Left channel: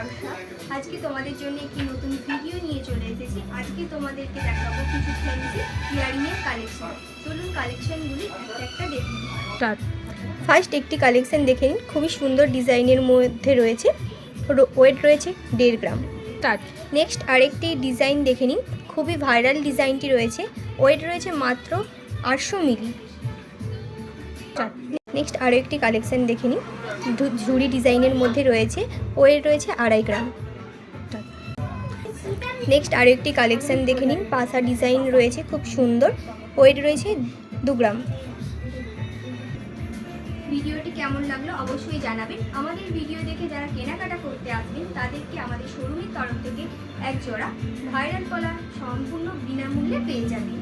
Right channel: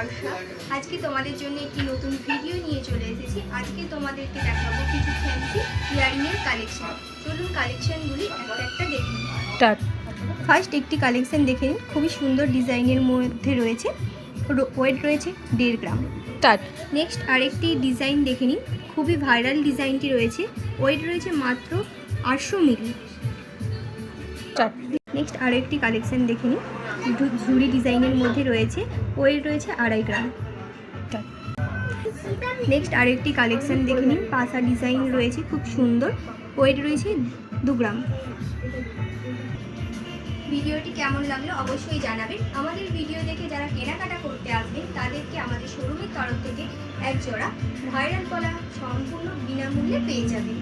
বর্ষা। আজকে তোমাদের জন্য একটি নতুন ভিডিও নিয়ে চলে এসেছি। আজকে তোমাদেরকে দেখাবো কিছু ফ্যান্সি ইয়ারিংয়ের কালেকশন। চলুন কালেকশনগুলি একটা একটা দেখে নিই। ফার্স্ট একটি কালেকশন দেখে নিন। খুবই সুন্দর ডিজাইনের মধ্যে রয়েছে, ওয়েট রয়েছে 1.5 গ্রাম। নেক্সট আরেকটি ডিজাইন দেখে নিন। খুবই ভাইরাল ডিজাইনটি রয়েছে, ওয়েট রয়েছে মাত্র 800 মিলি। নেক্সট আরও একটি কালেকশন দেখে নিন। ঝুড়ি ডিজাইনের মধ্যে রয়েছে, ওয়েট রয়েছে 2.5 গ্রাম। নেক্সট আরও একটি কালেকশন দেখে নিন। পাশা ডিজাইন রয়েছে, খুব সুন্দর, ওয়েট রয়েছে 2 গ্রাম। ভিডিওটি কেমন লাগলো অবশ্যই জানাবেন। আমাদের ভিডিও দেখে যারা কেনাকাটা করতে আসবেন তাদেরকে আমাদের শোরুমের তরফ থেকে এক জোড়া ভাইরাল কলা সম্পূর্ণ বিনামূল্যে পেয়ে যাবেন।